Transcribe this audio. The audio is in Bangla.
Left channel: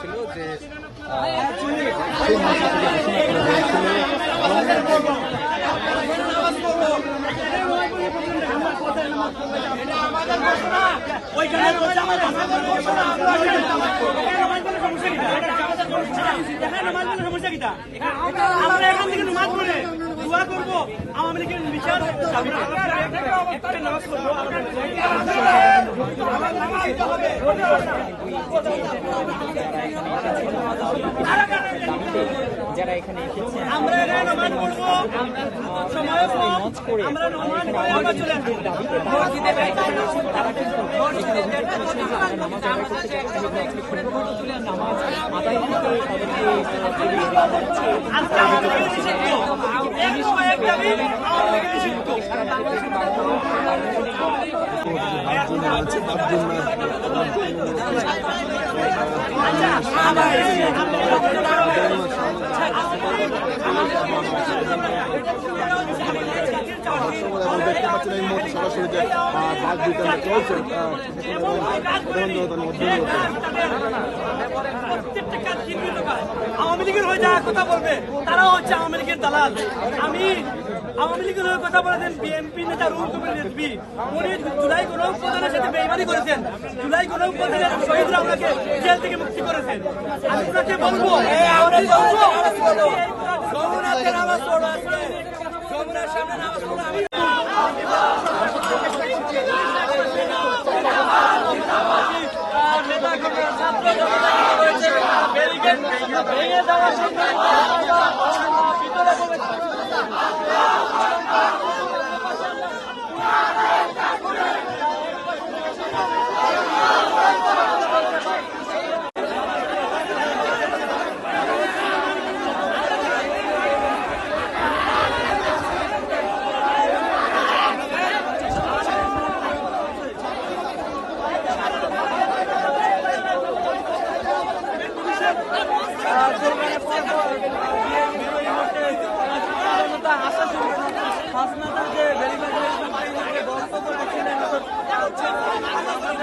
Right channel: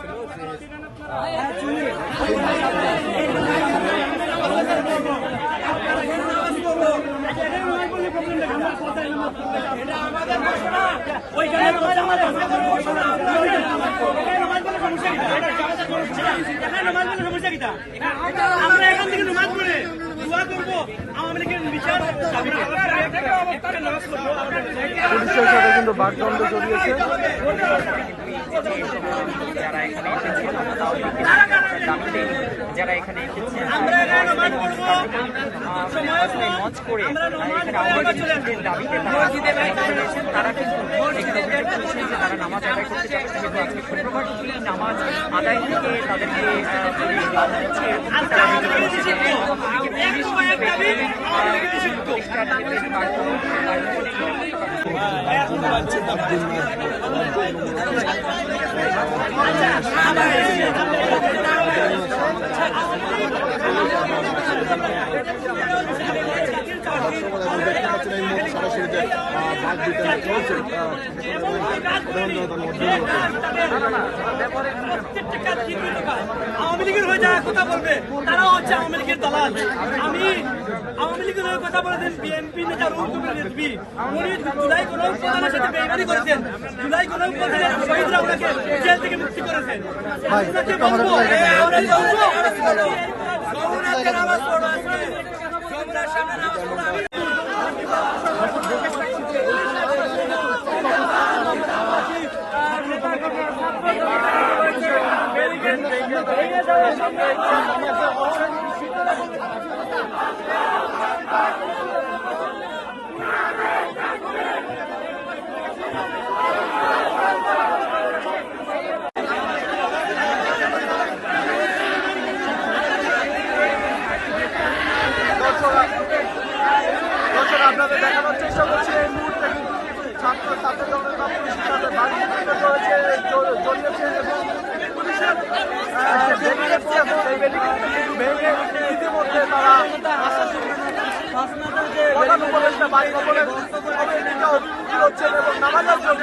ছিল যে আমরা এখান থেকে নামাজ পড়ে দোয়া করবো আওয়ামী লীগের বিচার কিন্তু বাকদণ্ড চলিয়েছে। যারা এখানে এসেছে আমরা এখানে নামাজ পড়বো, সময় কম, আমরা নামাজ পড়ে আবার চলে আসবো। নামাজ আদায় থেকে আজকে আওয়ামী লীগের নিষিদ্ধ, এক সময় এক দাবি আওয়ামী লীগের নিষিদ্ধ। প্রত্যেকটা কাজ চিহ্নিত কাজ আওয়ামী লীগের হয়ে যাওয়ার কথা বলবে, তারাও হচ্ছে আওয়ামী লীগের দালাল। আমি আওয়ামী লীগের হয়ে কথা বলেছেন বিএনপি নেতা রুল কবির রিজভী, উনি জুলাই গণঅভ্যুত্থানের সাথে বেইমানি করেছেন। জুলাই গণঅভ্যুত্থানের শহীদরা ওনাকে জেল থেকে মুক্তি করেছেন। ওনাকে বলবো নেতা ছাত্র ব্যারিকেড ভেঙে দেওয়ার সঙ্গে আপনাদের দেখানোর চেষ্টা করছি এই মুহূর্তে ছাত্র এবং নামানোর জন্য